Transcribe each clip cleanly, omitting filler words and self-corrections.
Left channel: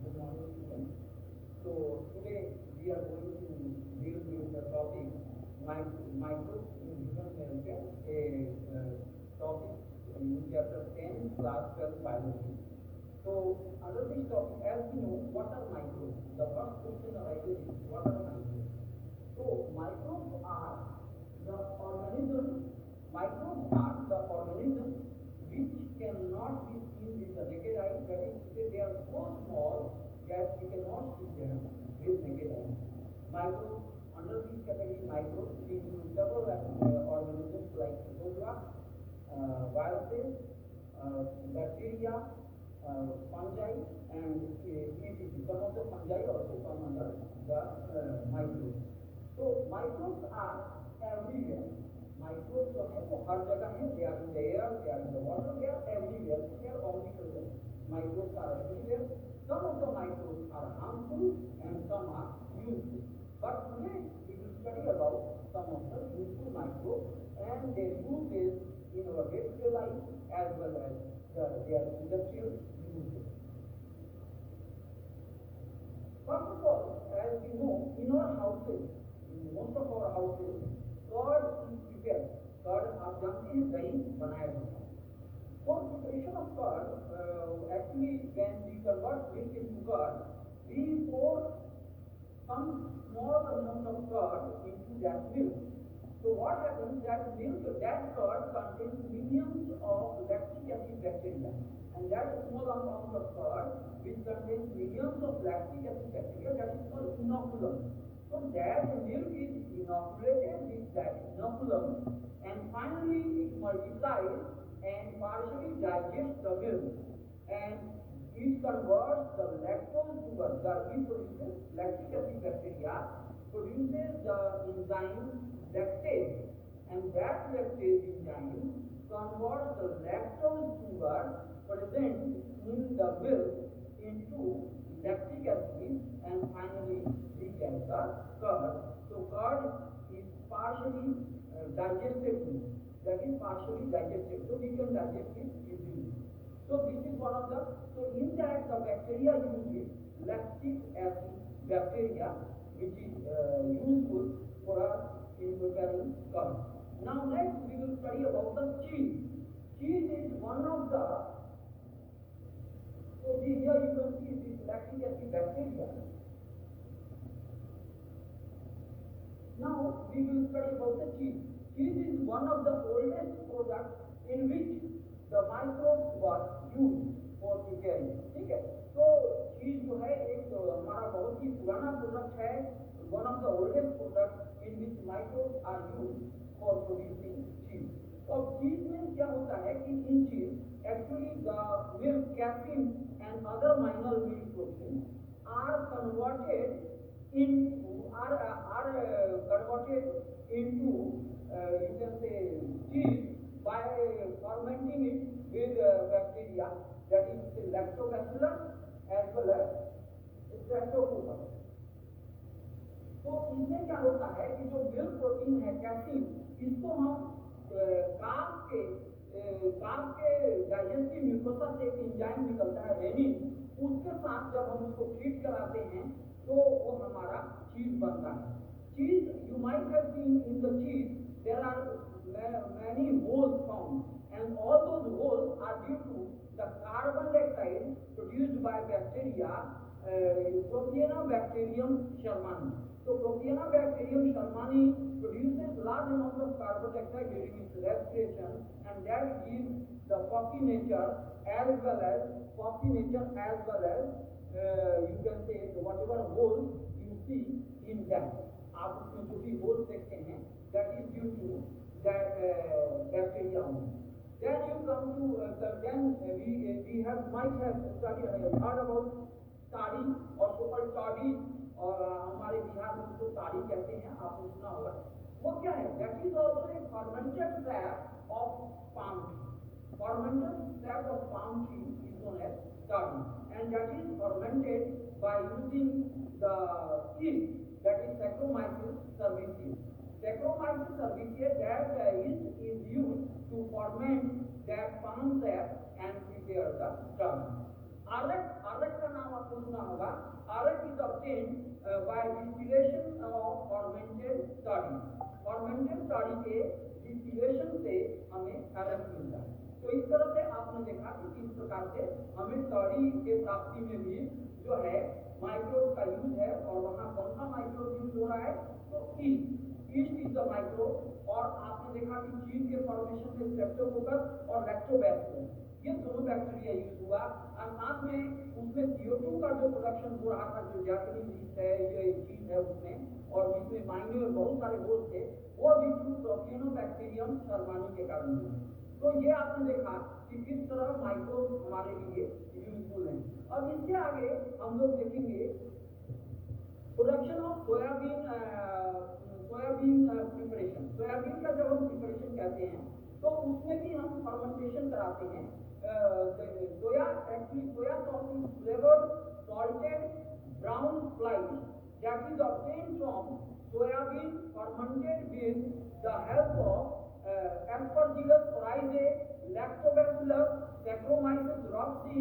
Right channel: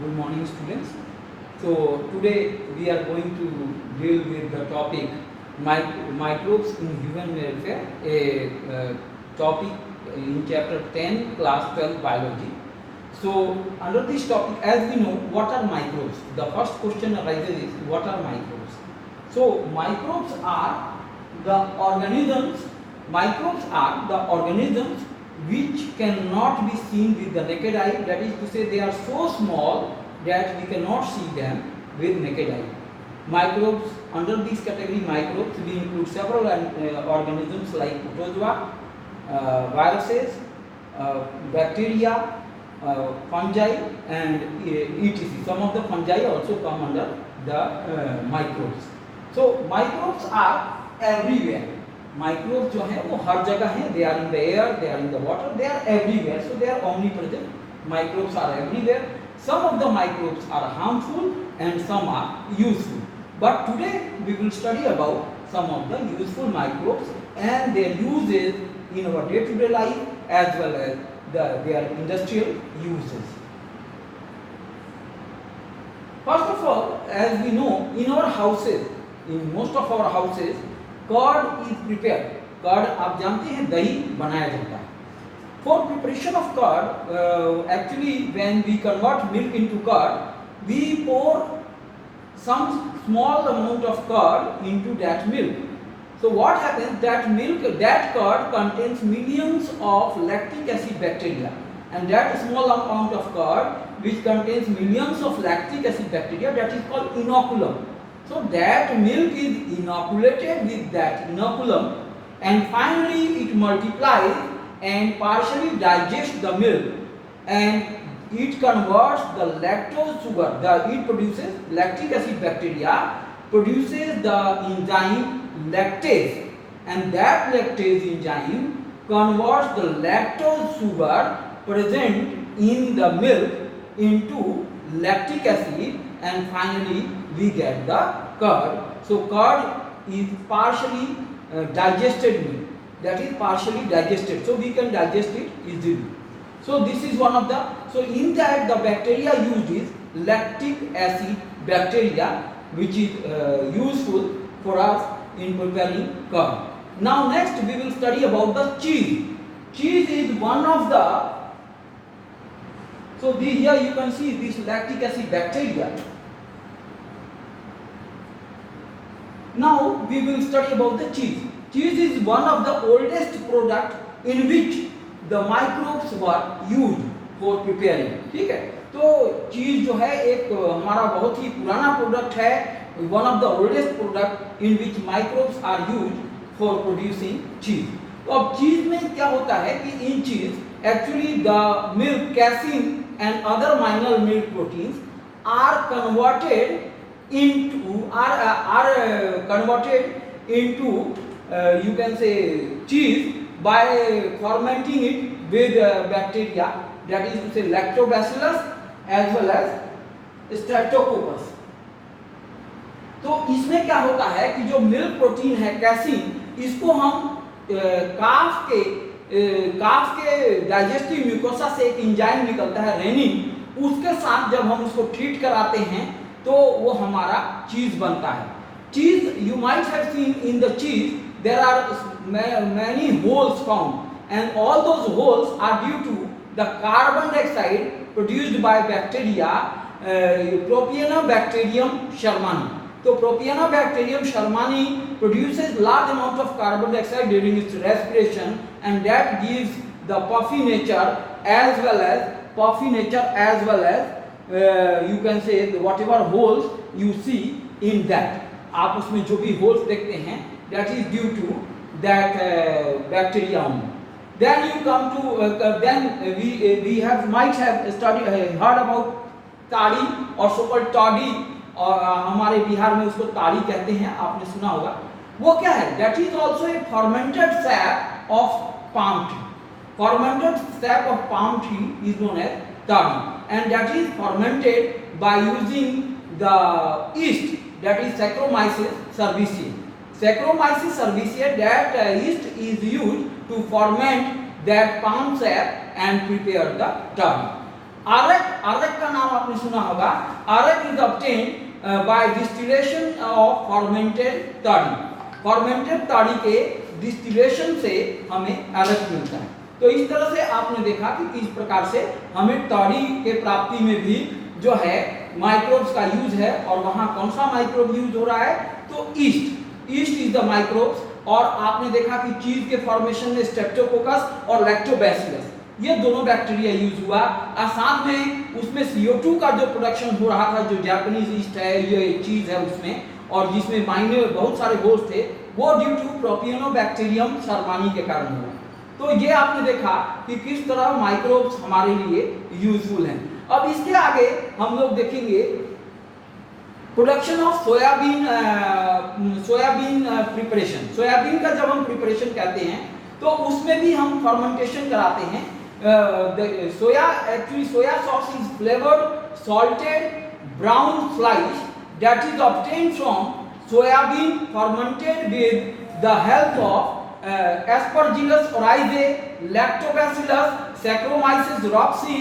Good morning, students. So today we are going to deal with the topic microbes in human welfare, a topic in chapter 10, class 12 biology. So under this topic, as we know, what are microbes? The first question arises is what are microbes? So microbes are the organisms. Microbes are the organisms which cannot be seen with the naked eye. That is to say, they are so small that we cannot see them with naked eye. Microbes, under this category microbes, we include several organisms like protozoa, viruses, bacteria, fungi, and etc. Some of the fungi also come under the microbes. So microbes are everywhere. Microbes जो है वो हर जगह हैं. They are in the air, they are in the water, they are everywhere. So they are omnipresent. Microbes are everywhere. Some of the microbes are harmful and some are useful. But today we will study about some of the useful microbes and their uses in our day-to-day life as well as their industrial uses. First of all, as we know, in our houses, in most of our houses, curd is prepared. Curd आप जानते हैं दही बनाया जाता है. For preparation of curd, actually when we convert milk into curd, we pour some small amount of curd into that milk. So what happens, that curd contains millions of lactic acid bacteria, and that small amount of curd which contains millions of lactic acid bacteria, that is called inoculum. So that milk is inoculated with that inoculum, and finally it multiplies and partially digests the milk, and it converts the lactose sugar. It produces lactic acid bacteria, produces the enzyme lactase, and that lactase enzyme converts the lactose sugar present in the milk into lactic acid, and finally we get the curd. So curd is partially digested milk, that is partially digested, so we can digest it easily. So this is one of the, so in that the bacteria used is lactic acid bacteria, which is useful for us in preparing curd. Now next we will study about the cheese. Cheese is one of the, so here you can see this lactic acid bacteria. Now we will study about the cheese. Cheese is one of the oldest product in which the microbes were used for preparing. ठीक है, तो चीज जो है एक हमारा बहुत ही पुराना प्रोडक्ट है, one of the oldest product in which microbes are used for producing cheese. तो अब चीज में क्या होता है कि in cheese actually the milk, casein and other minor milk proteins are converted into you can say cheese by fermenting it with bacteria, that is to say lactobacillus as well as streptococcus. तो इसमें क्या होता है कि जो milk protein है casein, इसको हम काफ के डाइजेस्टिव म्यूकोसा से एक एंजाइम निकलता है रेनिन, उसके साथ जब हम उसको ट्रीट कराते हैं तो वो हमारा चीज बनता है. चीज, you might have seen in the चीज there are many holes found, and all those holes are due to the carbon dioxide produced by bacteria, Propionibacterium shermani. So Propionibacterium shermani produces large amount of carbon dioxide during its respiration, and that gives the puffy nature as well as you can say whatever holes you see in that. आप उसमें जो भी holes देखते हैं, that is due to that bacteria only. Then you come to we might have studied heard about ताड़ी और so-called toddy, और हमारे बिहार में उसको ताड़ी कहते हैं, आपने सुना होगा. वो क्या है? That is also a fermented sap of palm tree. Fermented sap of palm tree is known as toddy, and that is fermented by using the yeast, that is Saccharomyces cerevisiae. Saccharomyces cerevisiae, that yeast is used to ferment that palm sap and prepare the toddy. आरक, आरक का नाम आपने सुना होगा। Arrack is obtained by distillation of fermented toddy. Fermented toddy के distillation से हमें आरक मिलता है। तो इस तरह से आपने देखा कि किस प्रकार से हमें ताड़ी के प्राप्ति में भी जो है माइक्रोब्स का यूज है। और वहां कौन सा माइक्रोब यूज हो रहा है, तो east, east is the microbes. और आपने देखा कि चीज के फॉर्मेशन में स्ट्रेप्टोकोकस और लैक्टोबैसिलस, ये दोनों बैक्टीरिया यूज हुआ। और साथ में उसमें CO2 का जो प्रोडक्शन हो रहा था, जो जापानीज ईस्ट है, ये चीज है उसमें, और जिसमें माइनर बहुत सारे होल्स थे, वो ड्यू टू प्रोपियोनोबैक्टीरियम शर्मानी के कारण हुआ। तो ये आपने देखा कि किस तरह माइक्रोब्स हमारे लिए यूजफुल हैं। अब इसके आगे हम लोग देखेंगे production of soybean, soybean preparation. Soybean का जब हम प्रिपरेशन कहते हैं तो उसमें भी हम फर्मेंटेशन कराते हैं। Soya, actually soya sauce is flavoured salted brown slice that is obtained from soybean fermented with the help of Aspergillus oryzae, Lactobacillus, Saccharomyces ropsii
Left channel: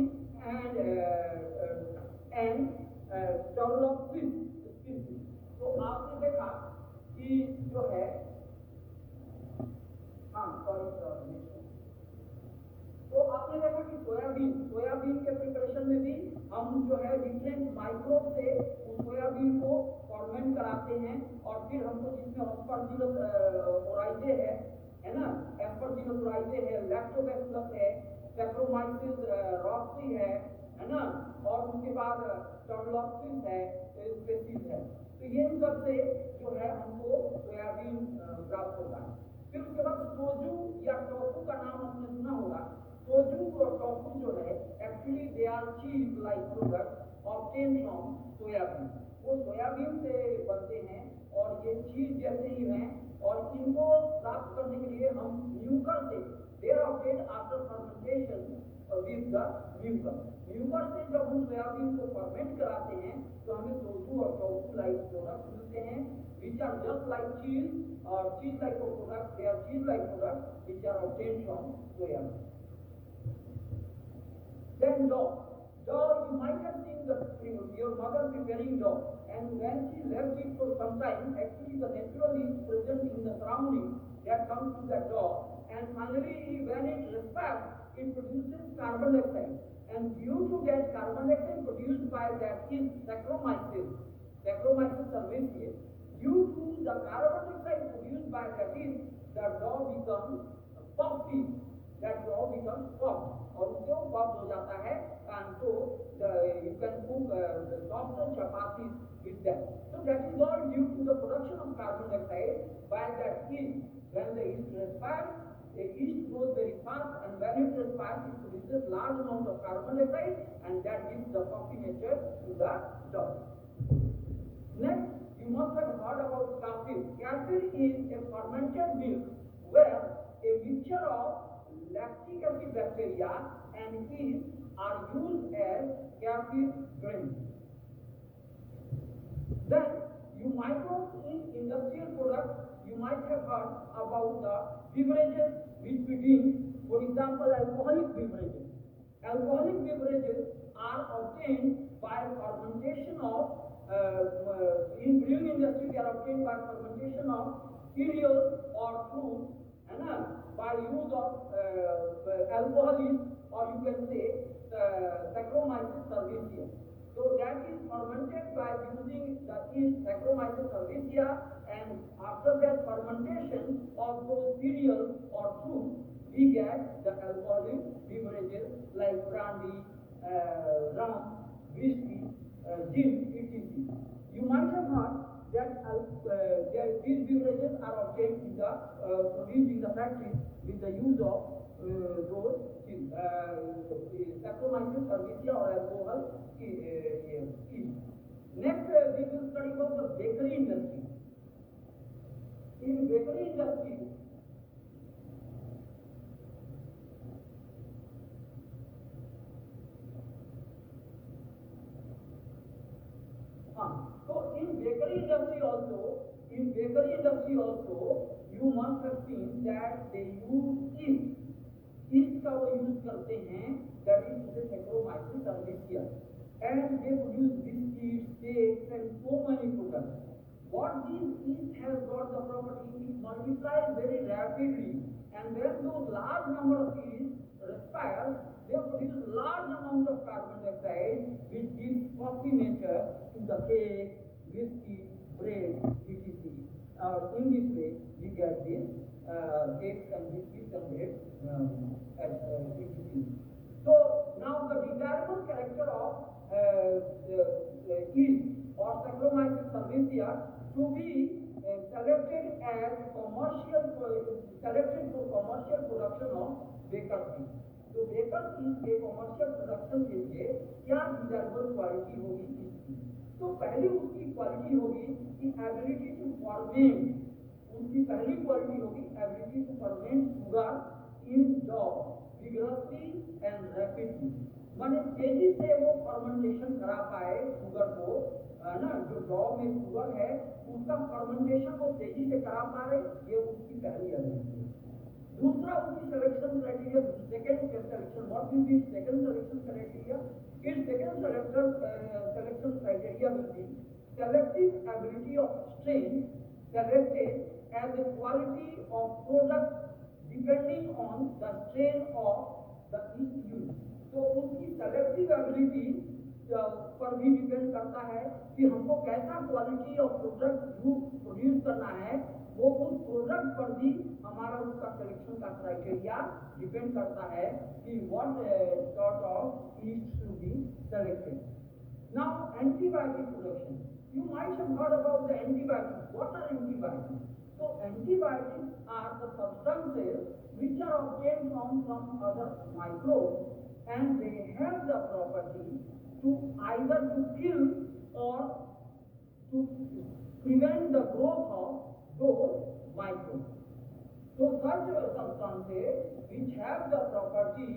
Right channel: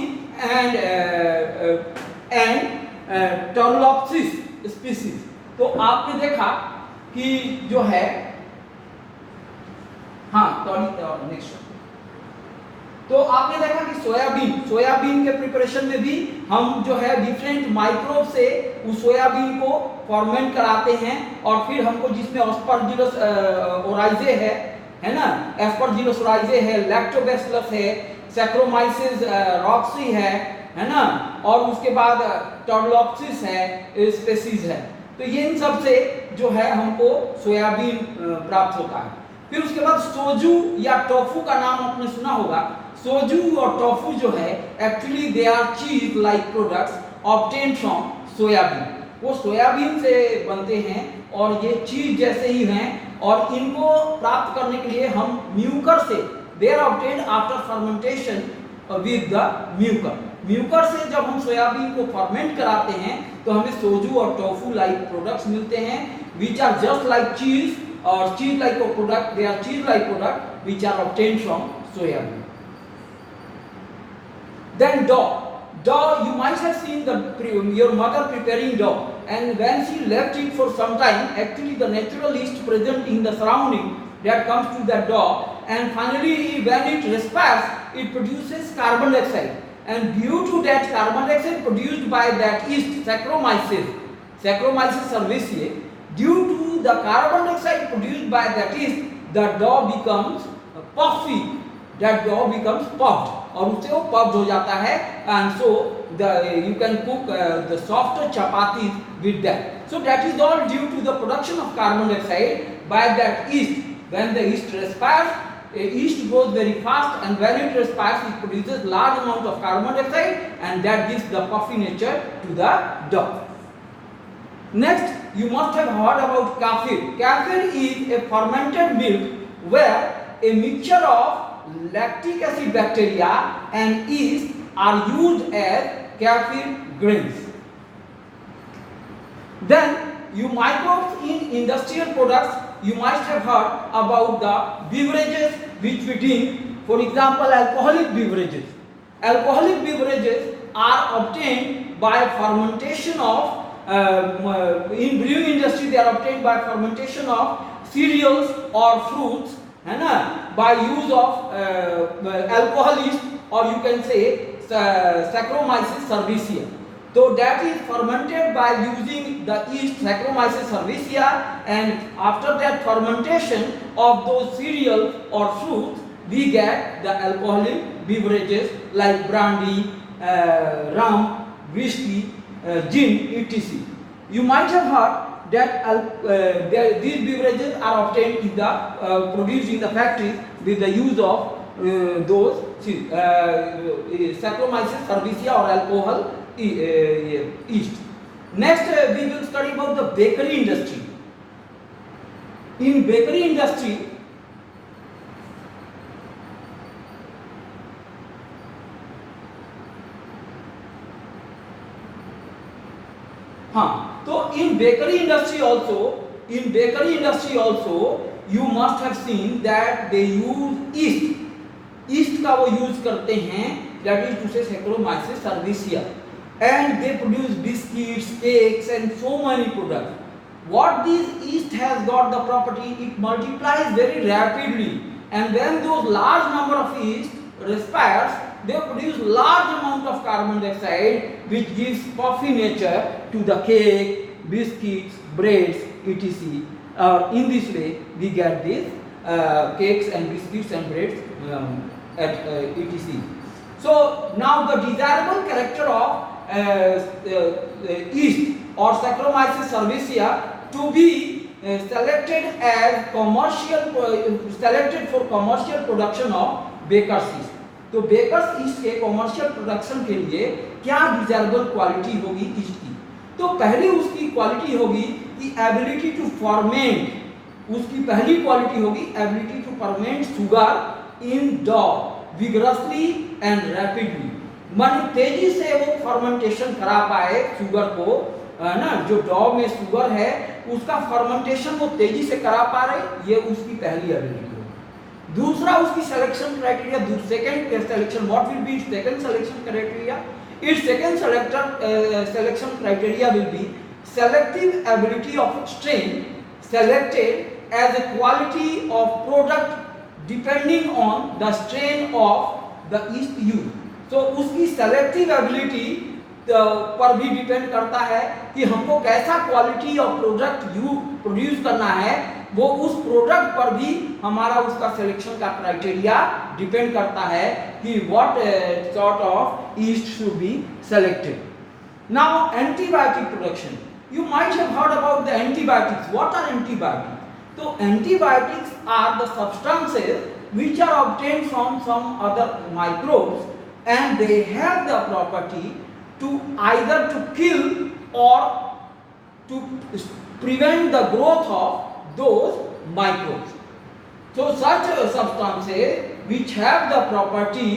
and Turlopsis species। तो आपने देखा कि जो है, हाँ नेक्स्ट, तो आपने देखा कि सोयाबीन, सोयाबीन के प्रिपरेशन में भी हम जो है डिफरेंट माइक्रोब से उस सोयाबीन को फॉर्मेंट कराते हैं। और फिर हमको जिसमें एस्परजिलस ओराइजे है ना, एस्परजिलस ओराइजे है, लैक्टोबैसिलस है, सैक्रोमाइसिस रॉक्सी है ना, और उसके बाद टर्लोप्सिस है, स्पेसीज है। तो ये इन सब से जो है हमको सोयाबीन प्राप्त होता है। फिर उसके बाद सोजू या टोफू का नाम आपने सुना होगा। सोजू और टोफू जो है एक्चुअली दे आर चीज like products obtained from soybean. वो सोयाबीन से बनते हैं और ये चीज जैसे ही हैं। और इनको प्राप्त करने के लिए हम म्यूकर से, they are obtained after fermentation with the mucor. Mucor से जब हम सोयाबीन को फर्मेंट कराते हैं तो हमें सोजू और टोफू लाइक प्रोडक्ट्स मिलते हैं, विच आर जस्ट लाइक चीज, or cheese like a product, they are cheese like product which are obtained from soybean. Then dough, dough you might have seen your mother preparing dough, and when she left it for some time, actually the natural yeast present in the surrounding that comes to that dough, and finally when it respires it produces carbon dioxide, and due to that carbon dioxide produced by that yeast Saccharomyces, Saccharomyces cerevisiae, due to the carbon dioxide produced by that yeast, the dough becomes puffy, that dough becomes puffed, और उससे वो puffed हो जाता है, and so you can cook the softer chapatis with that. So that is all due to the production of carbon dioxide by that yeast. When the yeast respires, yeast grows very fast, and when it respires it produces large amount of carbon dioxide, and that gives the puffy nature to the dough. Next, you must have heard about kefir. Kefir is a fermented milk where a mixture of lactic acid bacteria and yeast are used as kefir grains. Then, you microbes in industrial products, you must have heard about the beverages which we drink. For example, alcoholic beverages. Alcoholic beverages are obtained by fermentation of in brewing industry they are obtained by fermentation of cereals or fruits, है ना, by use of alcohol yeast, or you can say Saccharomyces cerevisiae. So that is fermented by using the yeast Saccharomyces cerevisiae, and after that fermentation of those cereals or fruits we get the alcoholic beverages like brandy, rum, whiskey, gin, etc. You might have heard that these beverages are obtained in the produced in the factories with the use of those Saccharomyces cerevisiae or alcohol yeast. Next, we will study about the bakery industry. In bakery industry, तो in bakery industry also you must have seen that they use yeast का वो use करते हैं that is to say Saccharomyces cerevisiae, and they produce biscuits, cakes and so many products. What this yeast has got the property, it multiplies very rapidly, and when those large number of yeast respires, they produce large amount of carbon dioxide, which gives puffy nature to the cake, biscuits, breads, etc. In this way we get these cakes and biscuits and breads etc. So now the desirable character of yeast or Saccharomyces cerevisiae to be selected as selected for commercial production of baker's yeast. तो baker's yeast के commercial production के लिए क्या desirable quality होगी east की? तो पहली उसकी क्वालिटी होगी कि एबिलिटी टू फर्मेंट। उसकी पहली क्वालिटी होगी ability to ferment sugar in dough vigorously and rapidly, माने तेजी से वो फर्मेंटेशन करा पाए शुगर को, ना जो डॉ में शुगर है उसका फर्मेंटेशन वो तेजी से करा पा रहे, ये उसकी पहली एबिलिटी। दूसरा उसकी selection criteria, second selection, what will be second selection criteria? It's second selection criteria will be selective ability of strain selected as a quality of product depending on the strain of the yeast used. So उसकी selective ability पर भी depend करता है कि हमको कैसा quality of product produce करना है, वो उस प्रोडक्ट पर भी हमारा उसका सिलेक्शन का क्राइटेरिया डिपेंड करता है कि what sort of east should be selected. Now antibiotic production, you might have heard about the antibiotics. What are antibiotics? So antibiotics are the substances which are obtained from some other microbes, and they have the property to either to kill or to prevent the growth of those microbes. So such substances which have the property,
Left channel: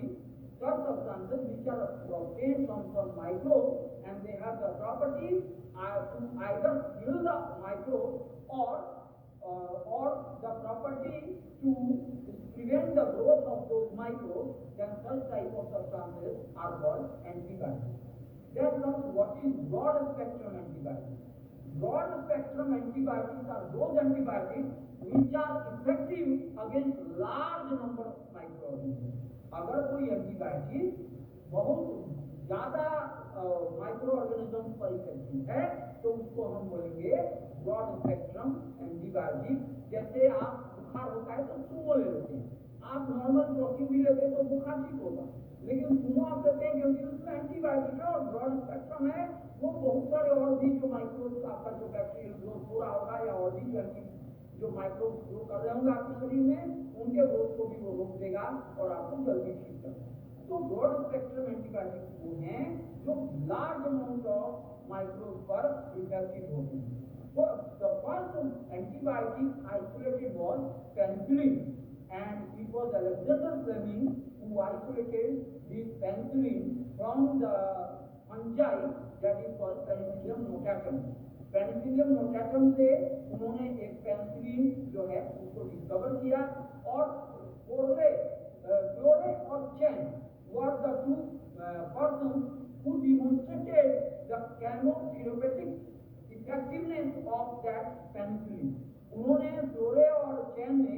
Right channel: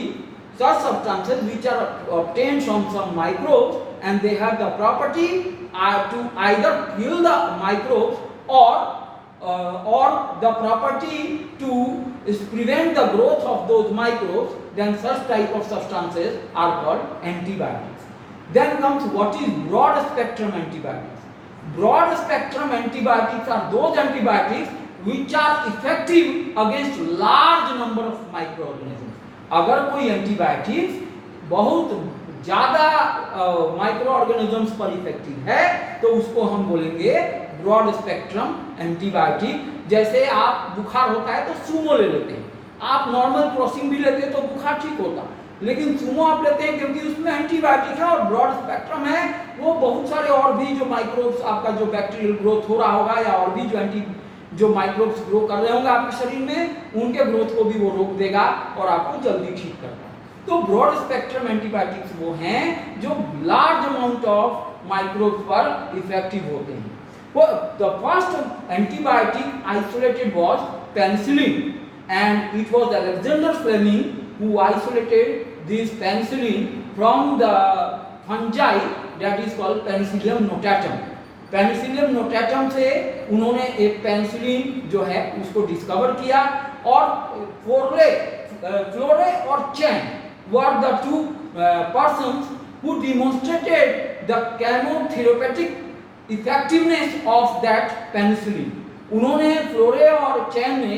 such substances which are obtained from some microbes and they have the property to either kill the microbes or the property to prevent the growth of those microbes, then such type of substances are called antibiotics. Then comes what is broad spectrum antibiotics. Broad spectrum antibiotics are those antibiotics which are effective against large number of microorganisms. अगर कोई antibiotics बहुत ज्यादा micro organisms पर effective है तो उसको हम बोलेंगे ब्रॉड स्पेक्ट्रम एंटीबायोटिक। जैसे आप बुखार होता है तो सूमो ले लेते हैं, आप नॉर्मल क्रोसिन भी लेते हैं तो बुखार ठीक होता, लेकिन सूमो आप लेते हैं क्योंकि उसमें एंटीबायोटिक है और ब्रॉड स्पेक्ट्रम है, वो बहुत सारे और भी जो माइक्रोब्स आपका जो बैक्टीरियल ग्रोथ हो रहा होगा या और भी जो माइक्रोब्स ग्रो कर रहे होंगे आपके शरीर में, उनके ग्रोथ को भी वो रोक देगा और आपको जल्दी ठीक करता है। तो ब्रॉड स्पेक्ट्रम एंटीबायोटिक्स वो हैं जो लार्ज अमाउंट ऑफ माइक्रोब्स पर इफेक्टिव होते हैं। The first antibiotic isolated was penicillin, and it was Alexander Fleming who isolated this penicillin from the fungi that is called penicillium notatum. Penicillium notatum से उन्होंने एक penicillin जो है उसको discover किया, और फ्लोरे और चैन were the two persons who demonstrated the chemotherapeutic effectiveness of that penicillin. उन्होंने फ्लोरे और चैन ने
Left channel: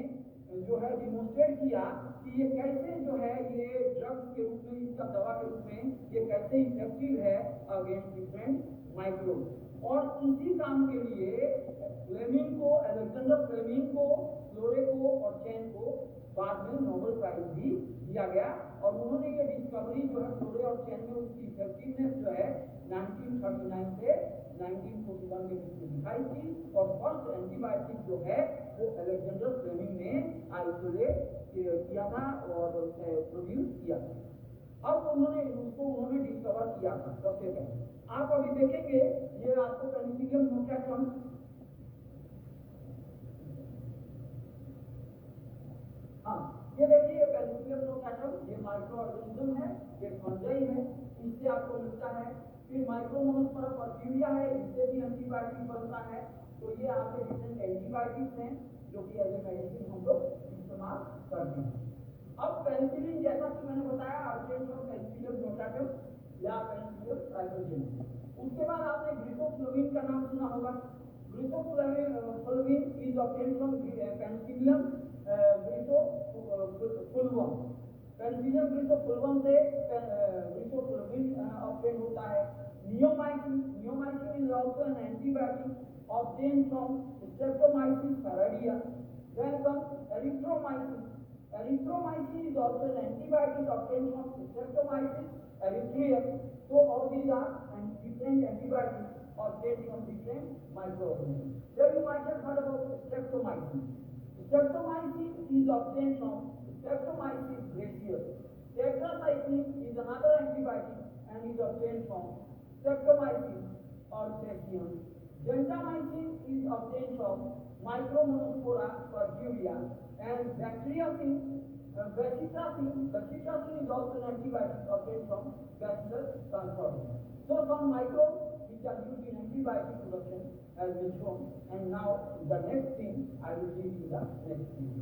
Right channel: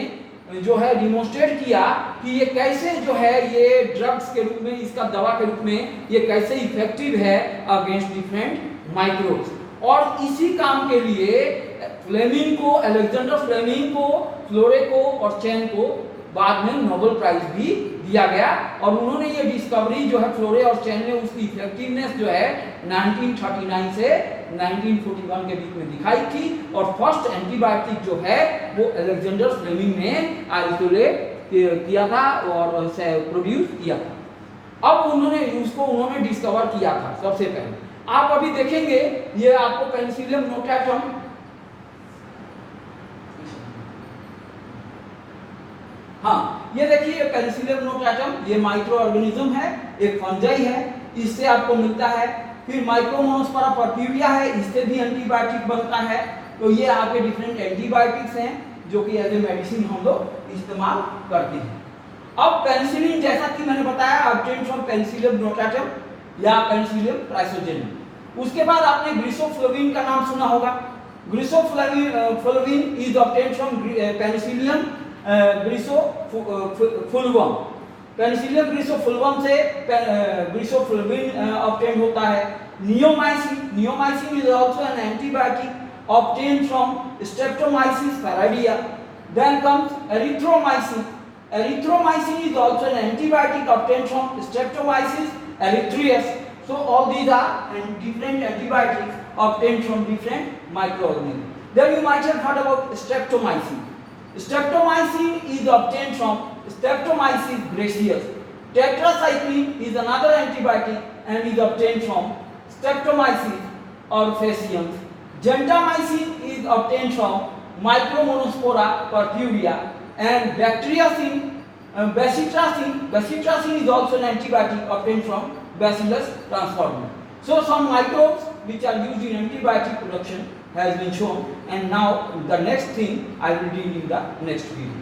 जो है डिमोन्स्ट्रेट किया कि ये कैसे जो है ये ड्रग्स के रूप में, इसका दवा के रूप में ये कैसे इफेक्टिव है अगेंस्ट डिफरेंट माइक्रोब्स। और इसी काम के लिए फ्लेमिंग को, अलेक्जेंडर फ्लेमिंग को, फ्लोरे को और चैन को बाद में नोबेल प्राइज भी दिया गया, और उन्होंने ये डिस्कवरी जो है फ्लोरे और चैन ने उसकी इफेक्टिवनेस जो है 1939 से 1941 के बीच में दिखाई थी, और फर्स्ट एंटीबायोटिक जो है वो अलेक्जेंडर फ्लेमिंग ने आइसोलेट किया था और प्रोड्यूस किया था। अब उन्होंने डिस्कवर किया था सबसे पहले। आप अभी देखेंगे ये आपको पेनिसिलियम नोटाटम, हाँ ये देखिए पेनिसिलियम नोटाटम, ये माइक्रो ऑर्गेनिज्म है, एक फंजाई है, इससे आपको मिलता है। फिर माइक्रोमोनोस्पोरा परफ्यूरिया है, इससे भी एंटीबायोटिक बनता है। तो ये आपके डिफरेंट एंटीबायोटिक्स हैं जो कि एज ए मेडिसिन हम लोग इस्तेमाल करते हैं। अब पेनिसिलिन जैसा कि मैंने बताया ऑब्टेन फ्रॉम पेनिसिलियम नोटाटम या पेनिसिलियम क्राइसोजेनम। उसके बाद आपने ग्लिसोफ्लोविन का नाम सुना होगा। Griseofulvin is obtain from Penicillium griseofulvum. Penicillium griseofulvum से ग्लिसोफ्लोविन ऑब्टेन होता है। Neomycin is also an antibiotic obtain from Streptomyces fradiae. Then comes erythromycin. Erythromycin is also an antibiotic obtained from Streptomyces erythraeus. So all these are different antibiotics obtained from different microorganisms. Then you might have heard about Streptomycin. Streptomycin is obtained from Streptomyces gracius. Tetracycline is another antibiotic and is obtained from Streptomyces orphaceans. Gentamicin is obtained from Micromonospora purpurea, and bacitracin is also an antibiotic obtained from Bacillus transformans. So some microbes which are used in antibiotic production has been shown, and now the next thing I will deal in the next video.